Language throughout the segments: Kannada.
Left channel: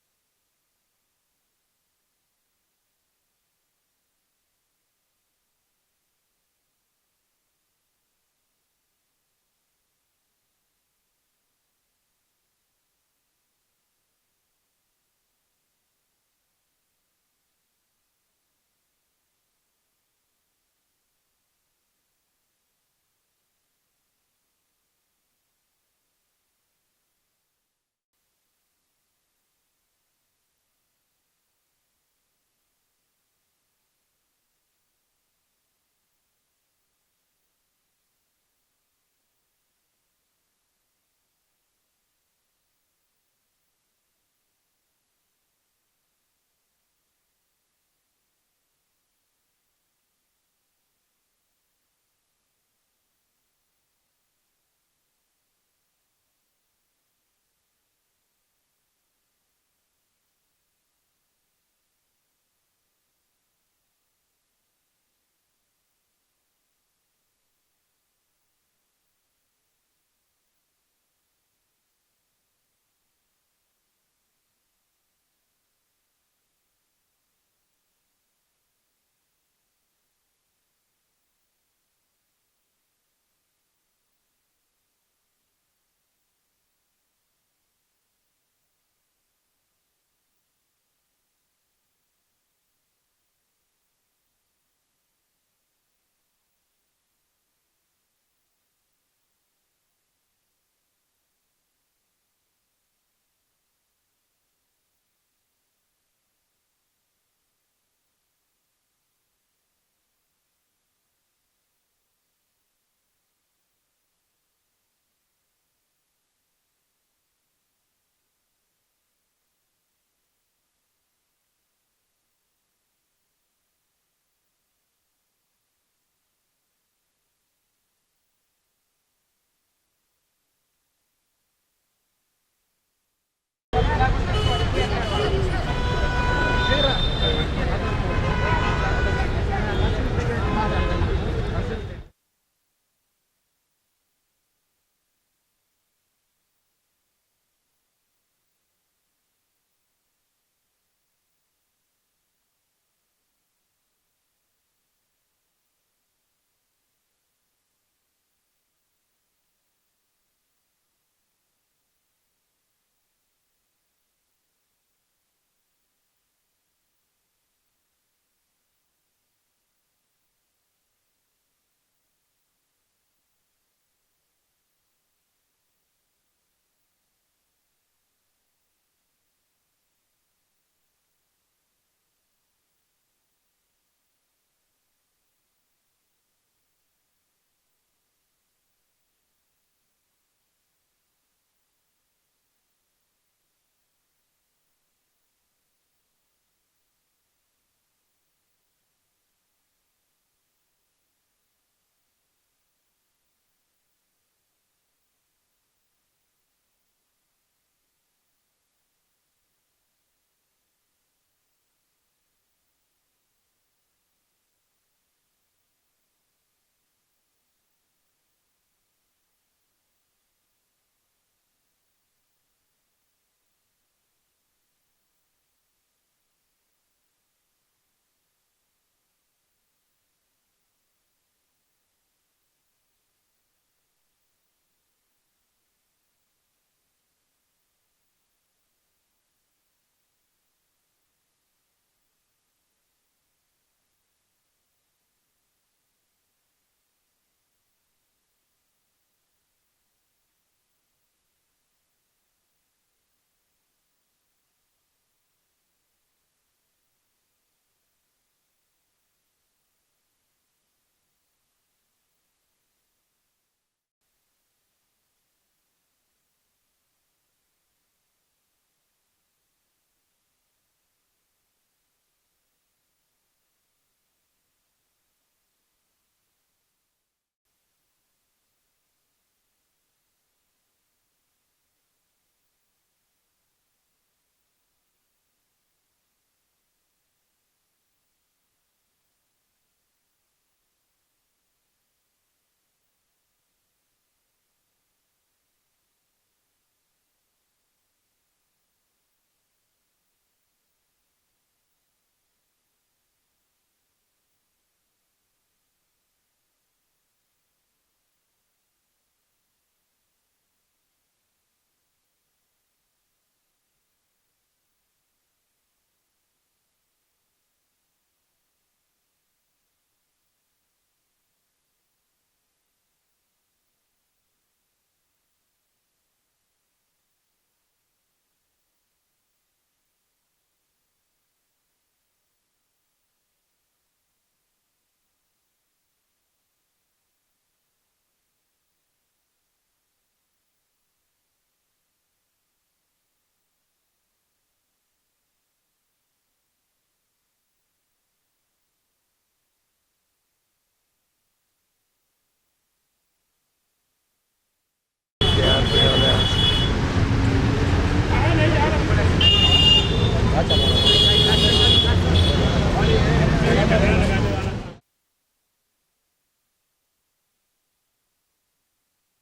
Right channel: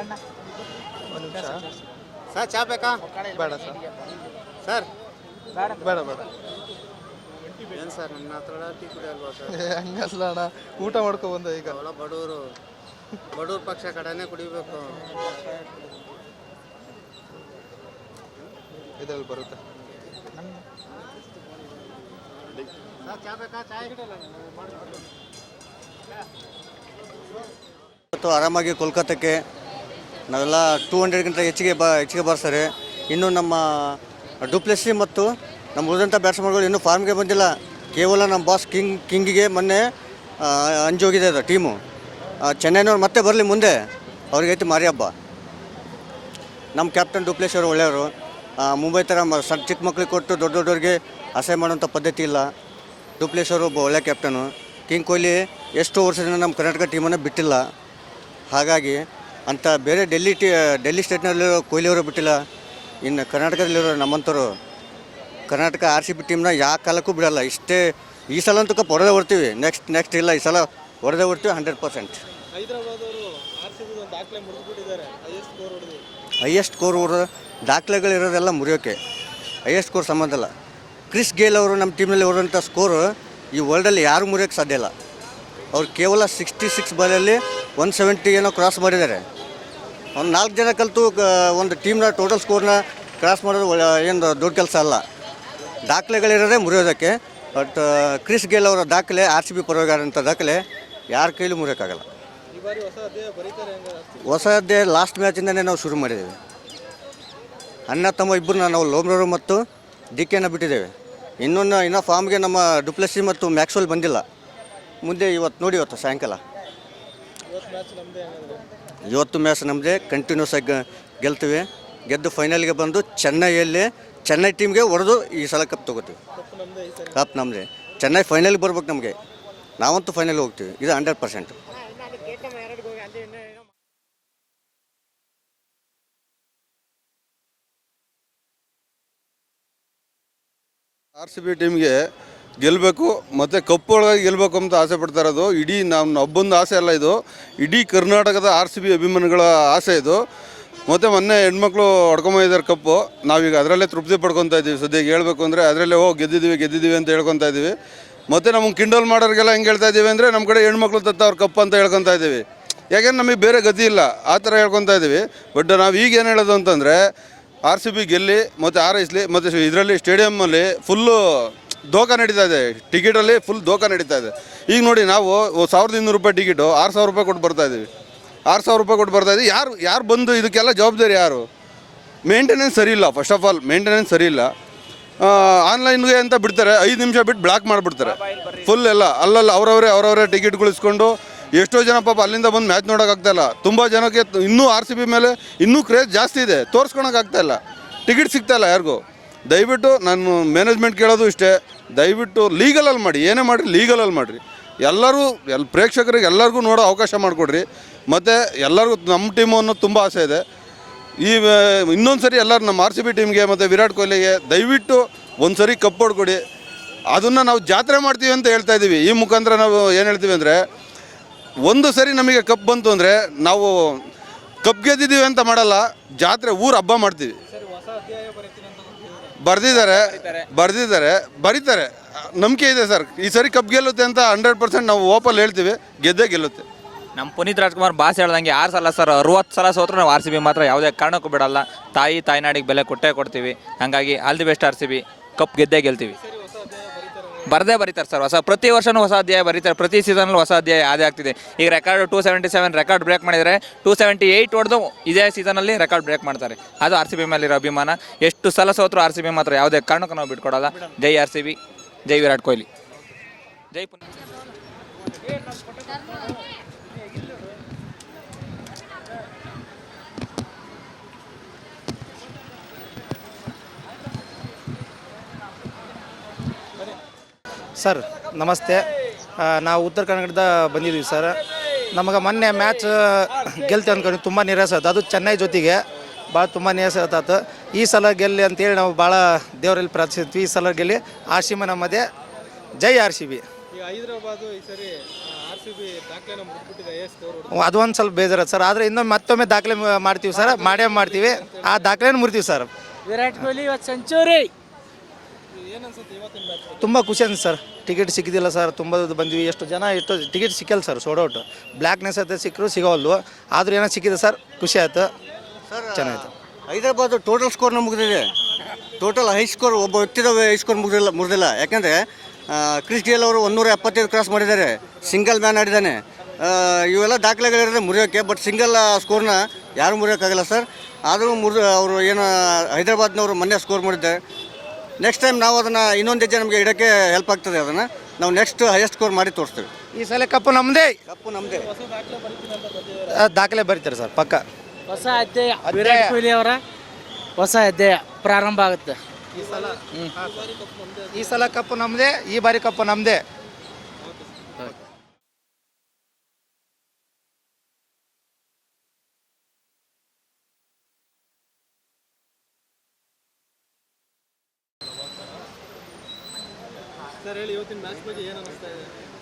ಒಂದು ನಿಮಿಷ ಸರ್ ಚಾ ಬೇಕಾ? ಬೇಡ ಸರ್, ಸರ್ ಬೇಡ ಬೇಡ. ಏನು ಸರ್ ನನ್ನ ಹತ್ರ ಟೀ ಕುಡಿಯಲ್ವಾ ಸರ್? ಹಂಗಲ್ಲ ಅಣ್ಣ, ಊಟ ಮಾಡ್ಕೊ ಬಂದ ಈಗ. ಅವಳ ಬಡವ್ರ ಪಕ್ಷ ಕಡೆನೇ ಕುಡಿಬೇಕು. ಇದ್ರಲ್ಲಿ ಬರುತ್ತೆ. ಸರ್ ಚಾ ಬೇಕಾ? ಚಾಯ್ ಇವತ್ತು ಆರಾಮಾಗಿ ಕೋಲ್ಕತ್ತಾಕ್ಕೆ ನಾವೆಲ್ಲ 200ಗಿಂತ ಹೆಚ್ಚಿಗೆ ಬರ್ತಾರೆ. ಇನ್ನು ನಮ್ಮ ಡುಪ್ಲೆಸಿ ಮತ್ತು ನಮ್ಮ ಉಳಿದಂಥ ಬ್ಯಾಟ್ಸ್ಮನ್ಗಳು ಇನ್ನೂ ಫಾರ್ಮ್ಗೆ ಬಂದಿಲ್ಲ. ಕೇವಲ ನಮ್ಮ ಬಾಸ್ ಕಿಂಗಿಗೆ ಮೊನ್ನೆ ಅಂಜೋಗಿದೆ ಅದು ಟೀಮು. ಚೆನ್ನೈನವ್ರು ಮತ್ತೆ ಬರಲಿ ಮುಂದೆ, ಅವ್ರಿಗೈತಿ ಮಾರಿ ಹಬ್ಬ. ನಮ್ಮ ಕ್ಯಾಪ್ಟನ್ ಡುಪ್ಲೆಸಿ ಅವರು ಒಳ್ಳೆಯವರು. ಮುಂಬೈ ಥರ ಚಿಕ್ಕ ಮಕ್ಳಿಗೆ ಕೊಟ್ಟು ದೊಡ್ಡವ್ರಿಗೆ ಅಸಹ್ಯ ಮಾಡೋಂಥ ಪದ್ಧತಿ ಇಲ್ಲ. ಡುಪ್ಲೆಸಿ ಅವರು ಒಬ್ಬ ಒಳ್ಳೆ ಕ್ಯಾಪ್ಟನು. ಕಿಂಗ್ ಕೊಹ್ಲಿ ಎಷ್ಟು ವರ್ಷದಿಂದ ನಮ್ಮ ಕರ್ನಾಟಕ ಟೀಮನ್ನು ಬಿಟ್ಟಿಲ್ಲ. ಹಾಗಾಗಿ ಅಂತ ಬೇರೆ ಡೆಲ್ಲಿ ಸ್ಟೇಟ್ನಲ್ಲಿರೋ ಕೊಹ್ಲಿಯವರು ಬಿಟ್ಟಿಲ್ಲ. ಇನ್ನು ಕರ್ನಾಟಕದಲ್ಲಿರೋ ನಮ್ಮಂಥವ್ರು ಕರ್ನಾಟಕ RCB ಟೀಮ್ನ ಯಾವ ಕಾಲಕ್ಕೂ ಬಿಡಲ್ಲ. ಈ ಸಲ ಅಂತೂ ಕಪ್ ಹೊಡೆದೇ ಬರ್ತೀವಿ. ನೆಕ್ಸ್ಟ್ ಇಲ್ಲ, ಈ ಸಲ ಹೊಡೆದೇ ಬರ್ತೀವಿ 100%. ಹೈಯೆಸ್ಟ್ ಸ್ಕೋರ್ ದಾಖಲೆಗಳಿರೋದೆಲ್ಲ ಮುರಿಯೋಕ್ಕೆ. ಹೈಯೆಸ್ಟ್ ಸ್ಕೋರ್ ಸಂಬಂಧ ಇಲ್ಲ. ಕ್ರಿಸ್ ಗೇಲ್ ಅವರು ನಮ್ಮ ಟೀಮ್ನಲ್ಲಿ ಹೊಡೆದಂಥ ಸ್ಕೋರು ಈ ವರ್ಲ್ಡಲ್ಲಿ ಯಾರೂ ಮುರಿಯೋಕ್ಕೆ ಸಾಧ್ಯ ಇಲ್ಲ. ಅವ್ರು ಕೇವಲ 66 ಬಾಲಲ್ಲಿ 170 ಏನೋ ಕ್ರಾಸ್ ಮಾಡಿದ್ದಾರೆ. ಒಂದು 4 ಜನ ಕಲಿತು ಒಂದು ಟೀಮ್ನ ಟೋಟಲ್ ಸ್ಕೋರ್ನ ಕ್ರಾಸ್ ಮಾಡೋದು ಏನು ದೊಡ್ಡ ಕೆಲಸ ಅಲ್ಲ. ದಾಖಲೆಗಳಿರೋದೇ ಮುರಿಯೋದಕ್ಕೆ. ಬಟ್ ಕ್ರಿಸ್ ಗೇಲ್ ಅವರ ದಾಖಲೆ RCB ಪರವಾಗಿರೋಂಥ ದಾಖಲೆ ಯಾರ ಕೈಲೂ ಮುರಿಯೋಕ್ಕಾಗಲ್ಲ. ಹೊಸ ಅಧ್ಯಾಯ ಲಾಸ್ಟ್ ಮ್ಯಾಚಿಂದನೇ ನಾವು ಶುರು ಮಾಡಿದ್ದೇವೆ. ಅಣ್ಣ ತಮ್ಮ ಇಬ್ಬರನ್ನ ನಾವು ಲೋಮ್ರವರು ಮತ್ತು DKನ ಬಿಟ್ಟಿದ್ದೇವೆ. ಇನ್ನೂ ಫಾರ್ಮ್ಗೆ ನಮ್ಮ ಡುಪ್ಲೆಸಿ ಮತ್ತು ಮ್ಯಾಕ್ಸ್ವೆಲ್ ಬಂದಿಲ್ಲ. ಮುಂದೆ ಇವತ್ತು ಸಾಯಂಕಾಲ ಇವತ್ತು ಮ್ಯಾಚ್ ನಮ್ಮದೇ. ಕಂಟಿನ್ಯೂಸ್ ಆಗಿ ಗೆಲ್ತೀವಿ. ಗೆದ್ದು ಫೈನಲ್ಗೆ ಬಂದು ಚೆನ್ನೈ ಟೀಮ್ಗೆ ಹೊಡೆದು ಈ ಸಲ ಕಪ್ ತೊಗೋತೀವಿ. ಕಪ್ ನಮ್ಮದೇ. ಚೆನ್ನೈ ಫೈನಲ್ಗೆ ಬರ್ಬೇಕು ನಮಗೆ. ನಾವಂತೂ ಫೈನಲ್ಗೆ ಹೋಗ್ತೀವಿ. ಇದು 100%. RCB ಟೀಮ್ಗೆ ಗೆಲ್ಲಬೇಕು ಮತ್ತು ಕಪ್ ಒಳಗಾಗಿ ಗೆಲ್ಲಬೇಕು ಅಂತ ಆಸೆ ಪಡ್ತಾ ಇರೋದು ಇಡೀ ನಮ್ಮ ಒಬ್ಬೊಂದು ಆಸೆ ಅಲ್ಲ, ಇದು ಇಡೀ ಕರ್ನಾಟಕದ RCB ಅಭಿಮಾನಿಗಳ ಆಸೆ ಇದು. ಮತ್ತು ಮೊನ್ನೆ ಹೆಣ್ಮಕ್ಳು ಹೊಡ್ಕೊಂಬಂದಿದ್ದಾರೆ ಕಪ್ಪು. ನಾವೀಗ ಅದರಲ್ಲೇ ತೃಪ್ತಿ ಪಡ್ಕೊತಾ ಇದ್ದೀವಿ. ಸದ್ಯಕ್ಕೆ ಹೇಳ್ಬೇಕು ಅಂದರೆ ಅದರಲ್ಲೇ ಗೆದ್ದಿದ್ದೀವಿ ಅಂತ ಹೇಳ್ಕೊತಾ ಇದ್ದೀವಿ. ಮತ್ತು ನಮಗೆ ಕಿಂಡಲ್ ಮಾಡೋರಿಗೆಲ್ಲ ಹೆಂಗೆ ಹೇಳ್ತಾ ಇದ್ದೀವಿ ಅಂದರೆ ನಮ್ಮ ಕಡೆ ಹೆಣ್ಮಕ್ಳು ಅವ್ರ ಕಪ್ ಅಂತ ಹೇಳ್ಕೊತಾ ಇದ್ದೀವಿ. ಯಾಕೆಂದ್ರೆ ನಮಗೆ ಬೇರೆ ಗತಿ ಇಲ್ಲ, ಆ ಥರ ಹೇಳ್ಕೊತಾ ಇದ್ದೀವಿ. ಬಟ್ ನಾವು ಈಗ ಏನು ಹೇಳೋದು ಅಂತಂದರೆ RCB ಗೆಲ್ಲಿ ಮತ್ತು ಹಾರೈಸಲಿ. ಮತ್ತು ಇದರಲ್ಲಿ ಸ್ಟೇಡಿಯಮ್ಮಲ್ಲಿ ಫುಲ್ಲು ದೋಖ ನಡೀತಾ ಇದೆ. ಟಿಕೆಟಲ್ಲಿ ಫುಲ್ ದೋಖ ನಡೀತಾ ಇದೆ. ಈಗ ನೋಡಿ, ನಾವು 1200 ರೂಪಾಯಿ ಟಿಕೆಟು 6000 ರೂಪಾಯಿ ಕೊಟ್ಟು ಬರ್ತಾಯಿದ್ದೀವಿ. 6000 ರೂಪಾಯಿ ಕೊಟ್ಟು ಬರ್ತಾಯಿದ್ದೀವಿ. ಯಾರು ಬಂದು ಇದಕ್ಕೆಲ್ಲ ಜವಾಬ್ದಾರಿ ಯಾರು? ಮೇಂಟೆನೆನ್ಸ್ ಸರಿ ಇಲ್ಲ. ಫಸ್ಟ್ ಆಫ್ ಆಲ್ ಮೇಂಟೆನೆನ್ಸ್ ಸರಿ ಇಲ್ಲ. ಆನ್ಲೈನ್ಗೆ ಅಂತ ಬಿಡ್ತಾರೆ, 5 ನಿಮಿಷ ಬಿಟ್ಟು ಬ್ಲಾಕ್ ಮಾಡಿಬಿಡ್ತಾರೆ ಫುಲ್ ಎಲ್ಲ. ಅವರವರೇ ಟಿಕೆಟ್ಗಳು ಇಸ್ಕೊಂಡು ಎಷ್ಟೋ ಜನ ಪಾಪ ಅಲ್ಲಿಂದ ಬಂದು ಮ್ಯಾಚ್ ನೋಡೋಕ್ಕಾಗ್ತಾಯಿಲ್ಲ. ತುಂಬ ಜನಕ್ಕೆ ಇನ್ನೂ RCB ಮೇಲೆ ಇನ್ನೂ ಕ್ರೇಜ್ ಜಾಸ್ತಿ ಇದೆ, ತೋರಿಸ್ಕೊಳಕ್ಕಾಗ್ತಾಯಿಲ್ಲ. ಟಿಕೆಟ್ ಸಿಗ್ತಾಯಿಲ್ಲ ಯಾರಿಗೂ. ದಯವಿಟ್ಟು ನಾನು ಮ್ಯಾನೇಜ್ಮೆಂಟ್ ಕೇಳೋದು ಇಷ್ಟೇ, ದಯವಿಟ್ಟು ಲೀಗಲಲ್ಲಿ ಮಾಡಿ. ಏನೇ ಮಾಡಿರಿ ಲೀಗಲಲ್ಲಿ ಮಾಡಿರಿ. ಪ್ರೇಕ್ಷಕರಿಗೆ ಎಲ್ಲರಿಗೂ ನೋಡೋ ಅವಕಾಶ ಮಾಡಿಕೊಡ್ರಿ. ಮತ್ತು ಎಲ್ಲರಿಗೂ ನಮ್ಮ ಟೀಮು ಅನ್ನೋದು ತುಂಬ ಆಸೆ ಇದೆ. ಇನ್ನೊಂದು ಸರಿ ಎಲ್ಲರೂ ನಮ್ಮ RCB ಟೀಮ್ಗೆ ಮತ್ತು ವಿರಾಟ್ ಕೊಹ್ಲಿಗೆ ದಯವಿಟ್ಟು ಒಂದು ಸರಿ ಕಪ್ ಹೊಡ್ಕೊಡಿ. ಅದನ್ನು ನಾವು ಜಾತ್ರೆ ಮಾಡ್ತೀವಿ ಅಂತ ಹೇಳ್ತಾ ಇದ್ದೀವಿ. ಈ ಮುಖಾಂತರ ನಾವು ಏನು ಹೇಳ್ತೀವಿ ಅಂದರೆ, ಒಂದು ಸರಿ ನಮಗೆ ಕಪ್ ಬಂತು ಅಂದರೆ ನಾವು ಕಪ್ ಗೆದ್ದಿದ್ದೀವಿ ಅಂತ ಮಾಡಲ್ಲ, ಜಾತ್ರೆ ಊರು ಹಬ್ಬ ಮಾಡ್ತೀವಿ. ಬರೀತಾರೆ. ನಂಬಿಕೆ ಇದೆ ಸರ್, ಈ ಸರಿ ಕಪ್ ಗೆಲ್ಲುತ್ತೆ ಅಂತ 100% ನಾವು ಓಪಲ್ಲಿ ಹೇಳ್ತೀವಿ. ಗೆದ್ದೇ ಗೆಲ್ಲುತ್ತೆ. ನಮ್ಮ ಪುನೀತ್ ರಾಜ್ಕುಮಾರ್ ಬಾಸ್ ಹೇಳ್ದಂಗೆ 6 ಸಲ ಸರ್ 60 ಸಲ ಸೋತ್ರು ನಾವು RCB ಮಾತ್ರ ಯಾವುದೇ ಕಾರಣಕ್ಕೂ ಬಿಡಲ್ಲ. ತಾಯ್ನಾಡಿಗೆ ಬೆಲೆ ಕೊಡ್ತೀವಿ. ಹಾಗಾಗಿ all the best RCB. Cup ಗೆದ್ದೇ ಗೆಲ್ತೀವಿ. ಬರೀತಾರೆ ಸರ್. ಪ್ರತಿ ವರ್ಷವೂ ಹೊಸ ಅಧ್ಯಾಯ ಬರೀತಾರೆ. ಪ್ರತಿ ಸೀಸನ್ಲ್ಲೂ ಹೊಸ ಅಧ್ಯಾಯ ಅದೇ ಆಗ್ತಿದೆ. ಈಗ ರೆಕಾರ್ಡ್ 277 ರೆಕಾರ್ಡ್ ಬ್ರೇಕ್ ಮಾಡಿದರೆ 278 ಹೊಡೆದು ಇದೇ ಸೀಸನಲ್ಲಿ ರೆಕಾರ್ಡ್ ಬ್ರೇಕ್ ಮಾಡ್ತಾರೆ. ಅದು RCB ಮೇಲಿರೋ ಅಭಿಮಾನ. ಎಷ್ಟು ಸಲ ಸೋತ್ರು RCB ಮಾತ್ರ ಯಾವುದೇ ಕಾರಣಕ್ಕೂ ನಾವು ಬಿಟ್ಕೊಡಲ್ಲ. ಜೈ RCB, ಜೈ ವಿರಾಟ್ ಕೊಹ್ಲಿ, ಜೈ ಸರ್ ನಮಸ್ತೆ. ನಾವು ಉತ್ತರ ಕನ್ನಡದ ಬಂದಿದ್ದೀವಿ ಸರ್. ನಮಗೆ ಮೊನ್ನೆ ಮ್ಯಾಚ್ ಗೆಲ್ತೀವಿ ಅಂದ್ಕೊಂಡು ತುಂಬ ನಿರಾಸೆ ಆಯ್ತು. ಅದು ಚೆನ್ನೈ ಜೊತೆಗೆ ಭಾಳ ತುಂಬ ನಿರಾಸೆ ಆಯ್ತು. ಈ ಸಲ ಗೆಲ್ಲಿ ಅಂತೇಳಿ ನಾವು ಭಾಳ ದೇವರಲ್ಲಿ ಪ್ರಾರ್ಥಿಸ್ತೀವಿ. ಈ ಸಲ ಗೆಲ್ಲಿ RCB ನಮ್ಮದೇ. ಜೈ RCB. ಹೈದರಾಬಾದು ಈ ಸರಿ ಅದೊಂದು ಸ್ವಲ್ಪ ಬೇಜಾರ ಸರ್. ಆದರೆ ಇನ್ನೊಮ್ಮೆ ಮತ್ತೊಮ್ಮೆ ದಾಖಲೆ ಮಾಡ್ತೀವಿ ಸರ್, ಮಾಡೇ ಮಾಡ್ತೀವಿ. ಆ ದಾಖಲೆನ ಮುರ್ತೀವಿ ಸರ್. ವಿರಾಟ್ ಕೊಹ್ಲಿ ಇವತ್ತು ಸೆಂಚುರಿ. ತುಂಬ ಖುಷಿ ಅನ್ಸುತ್ತೆ ಸರ್. ಟಿಕೆಟ್ ಸಿಕ್ಕಿದಿಲ್ಲ ಸರ್, ತುಂಬ ಬಂದ್ವಿ. ಎಷ್ಟು ಟಿಕೆಟ್ ಸಿಕ್ಕಲ್ಲ ಸರ್, ಸೋಡ್ ಔಟ್. ಬ್ಲ್ಯಾಕ್ನೆಸ್ ಅಂತ ಸಿಕ್ಕರು ಸಿಗೋವಲ್ಲು, ಆದರೂ ಏನೋ ಸಿಕ್ಕಿದೆ ಸರ್, ಖುಷಿ ಆಯ್ತು, ಚೆನ್ನಾಗಿತ್ತು. ಹೈದರಾಬಾದ್ ಟೋಟಲ್ ಸ್ಕೋರ್ ಮುಗಿದಿದೆ. ಟೋಟಲ್ ಹೈ ಸ್ಕೋರ್ ಒಬ್ಬ ವ್ಯಕ್ತಿದ ಹೈ ಸ್ಕೋರ್ ಮುಗಿದಿಲ್ಲ. ಯಾಕಂದರೆ ಕ್ರಿಸ್ ಗೇಲ್ ಅವರು 175 ಕ್ರಾಸ್ ಮಾಡಿದ್ದಾರೆ, ಸಿಂಗಲ್ ಮ್ಯಾನ್ ಆಡಿದ್ದಾನೆ. ಇವೆಲ್ಲ ದಾಖಲೆಗಳಿರೋದೇ ಮುರಿಯೋಕ್ಕೆ, ಬಟ್ ಸಿಂಗಲ್ ಸ್ಕೋರ್ನ ಯಾರು ಮುರಿಯೋಕ್ಕಾಗಲ್ಲ ಸರ್. ಆದರೂ ಅವರು ಏನು ಹೈದರಾಬಾದ್ನವರು ಮೊನ್ನೆ ಸ್ಕೋರ್ ಮಾಡಿದ್ದಾರೆ. ನೆಕ್ಸ್ಟ್ ಟೈಮ್ ನಾವು ಅದನ್ನು ಇನ್ನೊಂದು ಹೆಜ್ಜೆ ನಮಗೆ ಇಡೋಕ್ಕೆ ಹೆಲ್ಪ್ ಆಗ್ತದೆ. ಅದನ್ನು ನಾವು ನೆಕ್ಸ್ಟ್ ಹೈಯೆಸ್ಟ್ ಸ್ಕೋರ್ ಮಾಡಿ ತೋರಿಸ್ತೀವಿ. ಈ ಸಲ ಕಪ್ಪು ನಮ್ಮದೇ. ದಾಖಲೆ ಬರೀತಾರೆ ಸರ್, ಪಕ್ಕ. ಹೊಸ ಅಧ್ಯಾಯ ವಿರಾಟ್ ಕೊಹ್ಲಿ ಅವರ ಹೊಸ ಅಧ್ಯಾಯ ಪ್ರಾರಂಭ ಆಗುತ್ತೆ ಈ ಸಲ ಕಪ್ಪು ನಮ್ಮದೇ, ಈ ಬಾರಿ ಕಪ್ಪು ನಮ್ಮದೇ.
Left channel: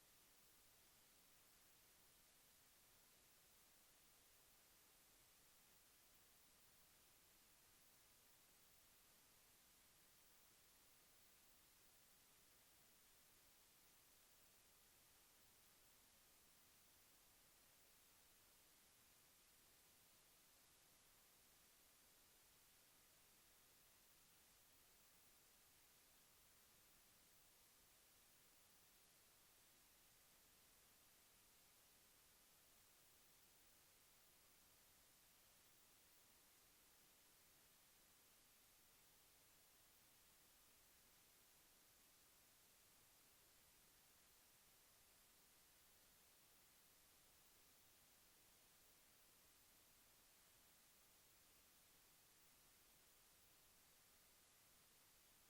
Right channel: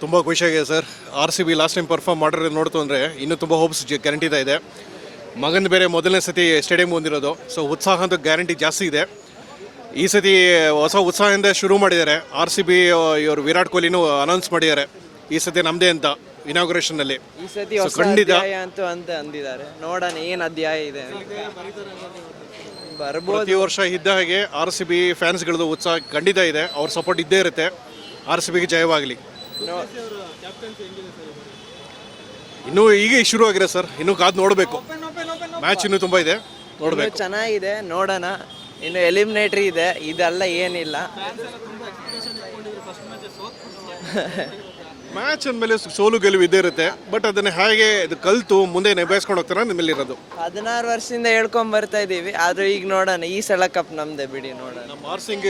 ತುಂಬ ಖುಷಿಯಾಗಿದೆ sir. RCB last time perform ಮಾಡಿರೋದು ನೋಡ್ತು ಅಂದರೆ ಇನ್ನೂ ತುಂಬ ಹೋಪ್ಸ್ ಗ್ಯಾರಂಟಿದ ಇದೆ. ಮಗನ ಬೇರೆ ಮೊದಲನೇ ಸತಿ ಸ್ಟೇಡಿಯಂ ಬಂದಿರೋದು, ಸೊ ಉತ್ಸಾಹ ಅಂತೂ ಗ್ಯಾರಂಟಿ ಜಾಸ್ತಿ ಇದೆ. ಈ ಸತಿ ಹೊಸ ಉತ್ಸಾಹದಿಂದ ಶುರು ಮಾಡಿದ್ದಾರೆ. RCB ಇವರು ವಿರಾಟ್ ಕೊಹ್ಲಿನೂ ಅನೌನ್ಸ್ ಮಾಡಿದ್ದಾರೆ ಈ ಸತಿ ನಮ್ಮದೇ ಅಂತ ಇನಾಗ್ರೇಷನ್ನಲ್ಲಿ. ಈ ಸತಿ ಹೊಸ ಅಧ್ಯಾಯ ಅಂತೂ ಅಂತ ಅಂದಿದ್ದಾರೆ. ನೋಡೋಣ ಏನು ಅಧ್ಯಾಯ ಇದೆ. ಬರ್ಬೋದು. ಪ್ರತಿ ವರ್ಷ ಇದ್ದ ಹಾಗೆ RCB ಫ್ಯಾನ್ಸ್ಗಳದ್ದು ಉತ್ಸಾಹ ಖಂಡಿತ ಇದೆ. ಅವ್ರ ಸಪೋರ್ಟ್ ಇದ್ದೇ ಇರುತ್ತೆ. RCBಗೆ ಜಯವಾಗಲಿ. ಇನ್ನೂ ಈಗ ಶುರು ಆಗಿದೆ ಸರ್, ಇನ್ನೂ ಕಾದು ನೋಡಬೇಕು. ಮ್ಯಾಚ್ ಇನ್ನೂ ತುಂಬ ಇದೆ, ನೋಡಬೇಕು. ಚೆನ್ನಾಗಿದೆ, ನೋಡೋಣ. ಇನ್ನು ಎಲಿಮಿನೇಟ್ರಿ ಇದೆ, ಇದೆಲ್ಲ ಏನಿಲ್ಲ. ಮ್ಯಾಚ್ ಅಂದಮೇಲೆ ಸೋಲು ಗೆಲುವು ಇದ್ದೇ ಇರುತ್ತೆ, ಬಟ್ ಅದನ್ನು ಹೇಗೆ ಇದು ಕಲಿತು ಮುಂದೆ ನಿಭಾಯಿಸ್ಕೊಂಡು ಹೋಗ್ತಾರೆ ನಿಮ್ಮಲ್ಲಿ ಇರೋದು. 16 ವರ್ಷದಿಂದ ಹೇಳ್ಕೊಂಡ್ ಬರ್ತಾ ಇದ್ದೀವಿ, ಆದ್ರೂ ಈಗ ನೋಡೋಣ. ಈ ಸಲ ಕಪ್ ನಮ್ದೆ ಬಿಡಿ, ನೋಡೋಣ. ನಮ್ಮ ಆರ್ಸಿಂಗ್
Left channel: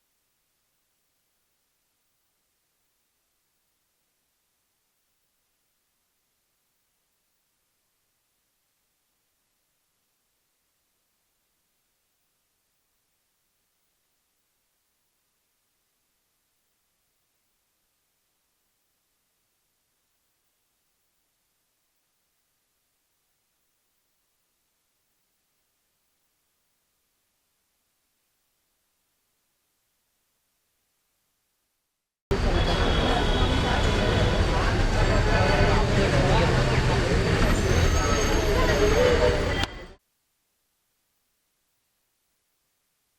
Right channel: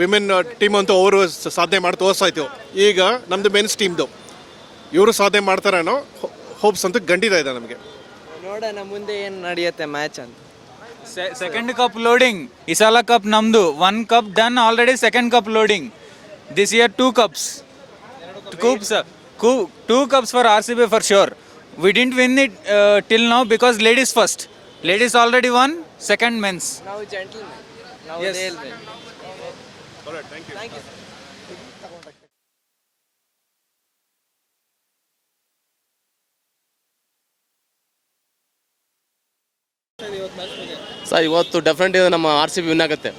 ವಿಮೆನ್ ಟೀಮ್ ಅಂತೂ ಅವರು ಸಾಧನೆ ಮಾಡಿ ತೋರಿಸಾಯ್ತು. ಈಗ ನಮ್ದು ಮೆನ್ಸ್ ಟೀಮ್ದು ಇವರು ಸಾಧನೆ ಮಾಡ್ತಾರೇನೋ ಹೋಪ್ಸ್ ಅಂತೂ ಖಂಡಿತ ಇದೆ ನಮಗೆ. ನೋಡೋಣ ಮುಂದೆ ಏನು ನಡೆಯುತ್ತೆ ಮ್ಯಾಚ್ ಅಂತ. Second cup loading. ಈ ಸಲ ಕಪ್ ನಮ್ದು. 1 cup done already, second cup loading. This year 2 cups. 2 cups for RCB for sure. We didn't win it till now because ladies first. Ladies already won, second men's. Now gentlemen. Now Yes. they'll win. All right, thank you. Thank you. Sir ಇವತ್ತು ಡೆಫಿನೆಟ್ಲಿ ನಮ್ಮ RCB ವಿನ್ ಆಗುತ್ತೆ.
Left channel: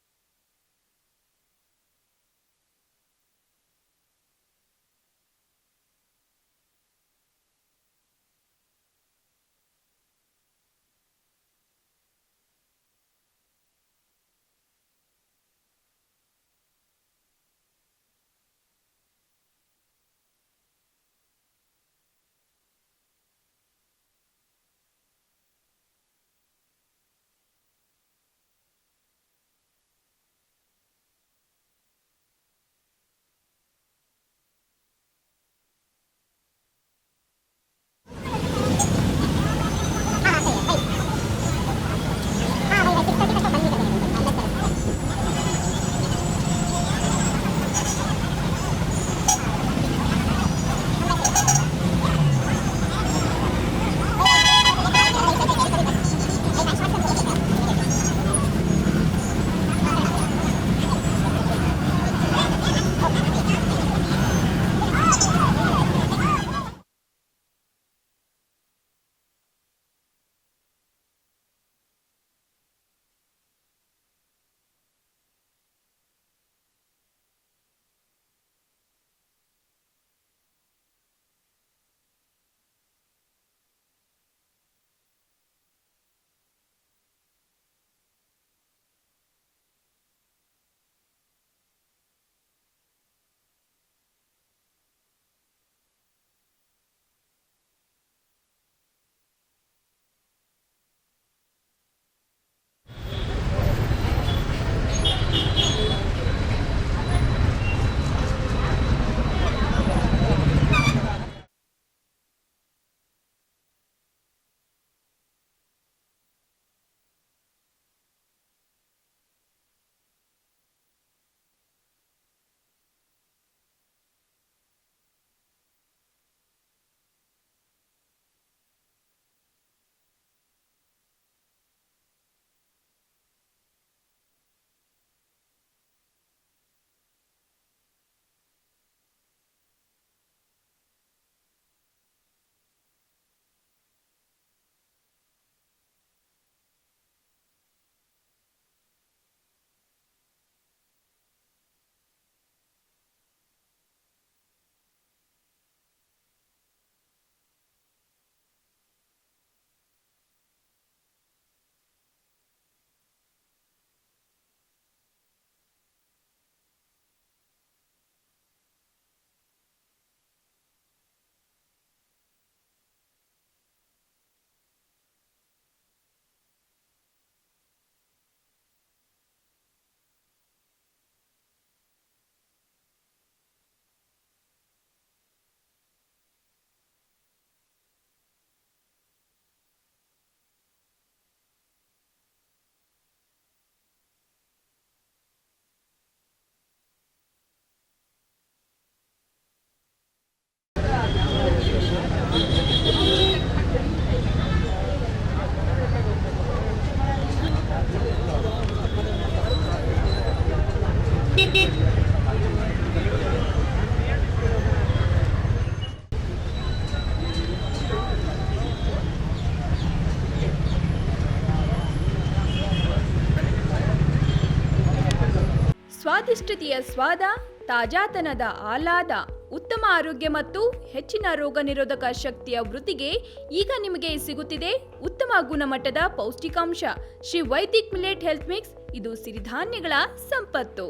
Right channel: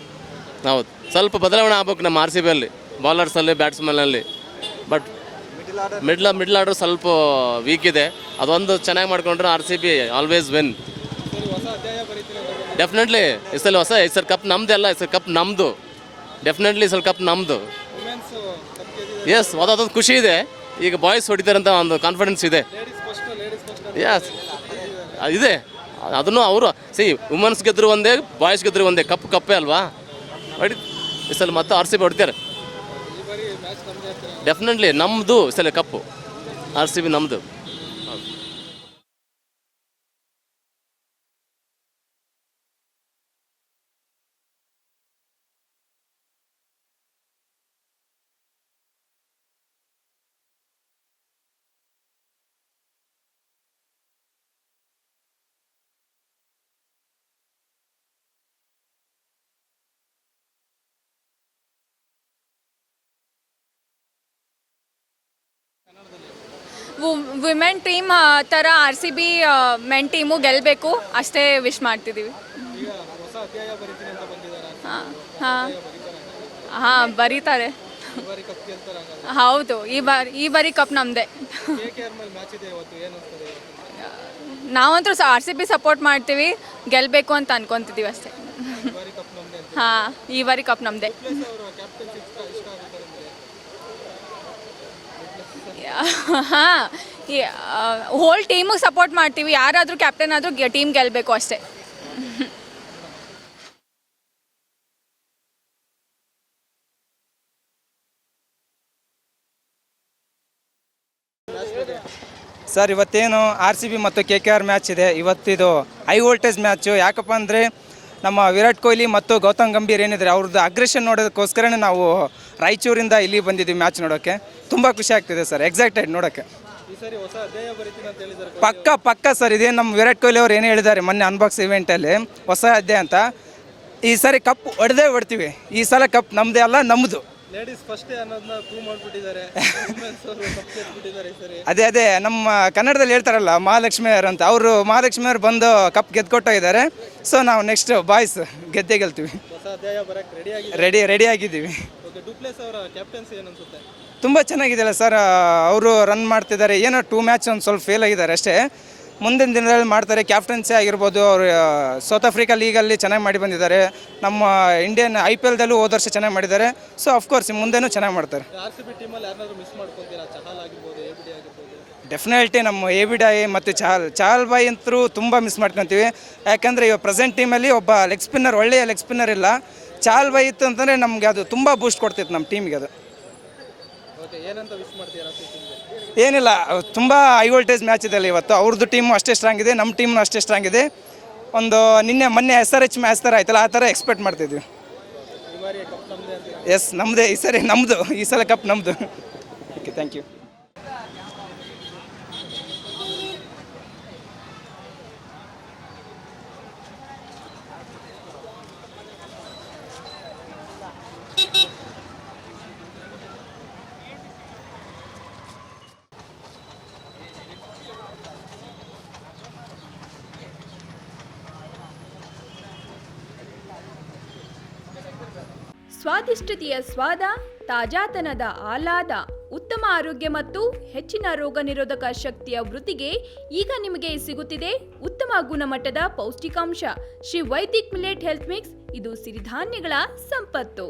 ನಾವು ಸ್ವಲ್ಪ ಬದಲಾವಣೆ ಆಗ್ಬೇಕು ನಮ್ಮ RCBಯಲ್ಲಿ, ಬಾಲರ್ಸಲ್ಲಿ, ಬ್ಯಾಟ್ಸ್ಮನ್ನಲ್ಲಿ. ಬಟ್ ಮಿಡ್ಲ್ ಆರ್ಡರ್ ಸ್ವಲ್ಪ ವೀಕ್ ಇದೆ. ಅದೊಂದು ಚೆನ್ನಾಗಿ ಮಾಡ್ಕೊಂಡ್ರೆ RCB ಆಲ್ವೇಸ್ ವಿನ್. ಡೆಫಿನೆಟ್ಲಿ ಈ ಸಲ ಕಪ್ ನಮ್ಮದೇ ಅಲ್ಲ, ಈ ಸಲ ಕಪ್ ನಮ್ಮದು. ಡೆಫಿನೆಟ್ಲಿ ಈ ಸಲ ಕಪ್ ನಮ್ಮದು. ಎಸ್, ಅದೊಂದು ಖುಷಿ ಇದೆ. ಈಗ ಬಾಯ್ಸ್ ಹೊಡಿತಾರೆ ಅಂತ ಒಂದು ಕಾನ್ಫಿಡೆನ್ಸ್ ಇದೆ. ಎಸ್ ಇದೆ. ಅದನ್ನು ಅವರು ವುಮೆನ್ಸ್ ಗೆದ್ರು ಒಂದೇ, ಬಾಯ್ಸ್ ಗೆದ್ರು ಒಂದೇ. ಕಪ್ಪೇ ಅಲ್ವಾ ಹೊಡಿ. ಈ ಸಲ ಮತ್ತೆ RCB ಹೊಡಿತಾರೆ. ಡೆಫಿನೆಟ್ಲಿ ನಮ್ಮದು ಈ ಸಲ ಕಪ್ಪು. RCB ನಮ್ಮದು. ವಿಮೆನ್ ಟೀಮ್ ಥರ RCB ಮೆನ್ ಟೀಮು ಗೆಲ್ಲಬೇಕು ಅಷ್ಟೇ ವಿಶ್ ಮಾಡ್ತಿದ್ದೀವಿ. ಹಾಂ ಬರೀತಾರೆ. ಹೌದು, ಈ ಬಾರಿ ಕಪ್ ನಮ್ಮದೇ. ನಾವಂತೂ RCB ಸಪೋರ್ಟ್ ಮಾಡ್ತೀವಿ, ಗೆಲ್ಲಬೇಕು ಅಂತ ಅನ್ಕೊತಿದ್ದೀವಿ ಅಷ್ಟೇ. ಹಾಂ, ಈ ಬಾರಿ ಕಪ್ ನಮ್ಮದೇ. ಹಾಂ, ಹೋಲ್ ಟೀಮಿಗೆ ಸಪೋರ್ಟ್ ಮಾಡ್ತೀವಿ. ಯಾರಾದರೂ ಕ್ಯಾಪ್ಟನ್ ಆದರೂ ಟೀಮ್ ಗೆಲ್ಲಬೇಕು ಅಷ್ಟೇ. ಸರ್ ಇವತ್ತೇನು RCB ಮತ್ತು KKR ಮ್ಯಾಚ್ ಇದೆ. ಇವತ್ತಿದು ಹೈ ವೋಲ್ಟೇಜ್ ಮ್ಯಾಚು. ಯಾಕಪ್ಪ ಅಂದರೆ ನಮ್ಮ ವಿರಾಟ್ ಕೊಹ್ಲಿ ಮತ್ತು ಗೌತಮ್ ಗಂಭೀರ್ ಏನಿದ್ದಾರೆ ಅವ್ರದ್ದು ಅಗ್ರೆಷನ್ ನೋಡೋದಕ್ಕೋಸ್ಕರನೇ ನಾವು ರಾಯಚೂರಿಂದ ಇಲ್ಲಿ ಬಂದಿದ್ದೀವಿ ಮ್ಯಾಚ್ ನೋಡೋಕ್ಕೆ. ತುಂಬ ಖುಷಿ ಆಗ್ತಿದೆ ಸರ್, ಎಕ್ಸೈಟೆಡ್ ನೋಡೋಕ್ಕೆ. ಸರಿ ಹೊಸ ಅಧ್ಯಾಯ ಬರೀತೀನಿ ಅಂತ ಹೇಳಿದ್ದಾರೆ. ಪಕ್ಕ ಸರ್, ಇದೇ ನಮ್ಮ ವಿರಾಟ್ ಕೊಹ್ಲಿ ಅವ್ರು ಏನೇ ಹೇಳಿದ್ದಾರೆ ಮೊನ್ನೆ ಅನ್ಬಾಕ್ಸ್ ಇವೆಂಟಲ್ಲಿ, ಹೊಸ ಅಧ್ಯಾಯ ಅಂತ. ಈ ಸಾರಿ ಕಪ್ ಹೊಡ್ತೀವಿ. ಈ ಸಲ ಕಪ್ ನಮ್ಮದೇ ಅಲ್ಲ, ನಮ್ಮದು. ಲೇಡೀಸ್ ಫಸ್ಟೇ ಅನ್ನೋದನ್ನ ಪ್ರೂವ್ ಮಾಡಿಬಿಟ್ಟಿದ್ದಾರೆ. ಅದೇ ನಮ್ಮ ಕನ್ನಡದಲ್ಲಿ ಹೇಳ್ತಾರಲ್ಲ ಮಹಾಲಕ್ಷ್ಮಿಯವರು ಅಂತ, ಅವರು ಮಹಾಲಕ್ಷ್ಮಿಯವರು ಬಂದು ಕಪ್ ಗೆದ್ಕೊಟ್ಟಿದ್ದಾರೆ. ಸೊ ನಾವು ನೆಕ್ಸ್ಟ್ ಬಾಯ್ಸ್ ಗೆಲ್ತೀವಿ. ಹೊಸ ಅಧ್ಯಾಯ ಬರಕ್ಕೆ ರೆಡಿ ಆಗಿದ್ದೀವಿ. ಓಕೆ, ಡುಪ್ಲೆಸ್ ಅವರ ಕ್ಯಾಪ್ಟನ್ಸಿ ಏನು ಅನ್ಸುತ್ತೆ? ತುಂಬ ಚೆನ್ನಾಗಿದೆಯಲ್ಲ ಸರ್, ಅವರು ರನ್ ಮಾಡ್ತಿದ್ದಾರೆ. ಏನೋ 2 ಮ್ಯಾಚ್ ಒಂದು ಸ್ವಲ್ಪ ಫೇಲ್ ಆಗಿದ್ದಾರೆ ಅಷ್ಟೇ. ಮುಂದಿನ ದಿನದಲ್ಲಿ ಮಾಡ್ತಾರೆ. ಕ್ಯಾಪ್ಟನ್ಸಿ ಆಗಿರ್ಬೋದು, ಅವರು ಸೌತ್ ಆಫ್ರಿಕಾ ಲೀಗಲ್ಲಿ ಚೆನ್ನಾಗಿ ಮಾಡಿ ಬಂದಿದ್ದಾರೆ. ನಮ್ಮ ಇಂಡಿಯನ್ IPLದಲ್ಲೂ ಹೋದ ವರ್ಷ ಚೆನ್ನಾಗಿ ಮಾಡಿದ್ದಾರೆ. ಸೊ ಅಫ್ಕೋರ್ಸ್ ಮುಂದೆನೂ ಚೆನ್ನಾಗಿ ಮಾಡ್ತಾರೆ. RCB ಟೀಮಲ್ಲಿ ಯಾರನ್ನಾದ್ರೂ ಮಿಸ್ ಮಾಡ್ಕೊತೀರಾ? ಚಹಲ್ ಆಗಿರ್ಬೋದು, ABD ಆಗಿರ್ಬೋದು. ಡೆಫಿನೆಟ್ಲಿ ನಮ್ಮ ABD ಮತ್ತು ಚಹಲ್ ಬಾಯ್ ಅಂತೂ ತುಂಬ ಮಿಸ್ ಮಾಡ್ಕೊತೀವಿ. ಯಾಕಂದರೆ ಇವಾಗ ಪ್ರೆಸೆಂಟ್ ಟೀಮಲ್ಲಿ ಒಬ್ಬ ಲೆಗ್ ಸ್ಪಿನ್ನರ್, ಒಳ್ಳೆಯ ಲೆಗ್ ಸ್ಪಿನ್ನರ್ ಇಲ್ಲ. ಚಹಲ್ ಬಾಯ್ ಇತ್ತು ಅಂತಂದರೆ ನಮಗೆ ಅದು ತುಂಬ ಬೂಸ್ಟ್ ಕೊಡ್ತಿತ್ತು ನಮ್ಮ ಟೀಮಿಗೆ. ಅದು ಓಕೆ, ಏನಂತ ಮಿಸ್ ಮಾಡ್ತೀರಾ ಟೀಮ್ಗೆ? ಏನಿಲ್ಲ, ತುಂಬ ಹೈ ವೋಲ್ಟೇಜ್ ಮ್ಯಾಚ್ ಇದೆ ಇವತ್ತು. ಅವ್ರದ್ದು ಟೀಮು ಅಷ್ಟೇ ಸ್ಟ್ರಾಂಗ್ ಇದೆ, ನಮ್ಮ ಟೀಮ್ನು ಅಷ್ಟೇ ಸ್ಟ್ರಾಂಗ್ ಇದೆ. ಮೊನ್ನೆ SRH ಮ್ಯಾಚ್ ಥರ ಆಯ್ತಲ್ಲ, ಆ ಥರ ಎಕ್ಸ್ಪೆಕ್ಟ್ ಮಾಡ್ತಿದ್ವಿ. ಎಸ್, ನಮ್ಮದೇ ಈ ಸರಿ, ನಮ್ಮದು ಈ ಸಲ ಕಪ್ ನಮ್ಮದು. Okay, thank you. ಸ್ವಾದಿಷ್ಟತೆಯ ಸ್ವಾದ, ತಾಜಾತನದ ಆಹ್ಲಾದ, ಉತ್ತಮ ಆರೋಗ್ಯ ಮತ್ತು ಹೆಚ್ಚಿನ ರೋಗ ನಿರೋಧಕ ಶಕ್ತಿಯ ವೃದ್ಧಿಗೆ ಈಗ ನಿಮಗೆ ಸಿಗುತ್ತಿದೆ ಉತ್ತಮ ಗುಣಮಟ್ಟದ ಪೌಷ್ಟಿಕಾಂಶ. Shri Vaidik millet health mix. ಇದು ಸಿರಿಧಾನ್ಯಗಳ ಸಂಪತ್ತು.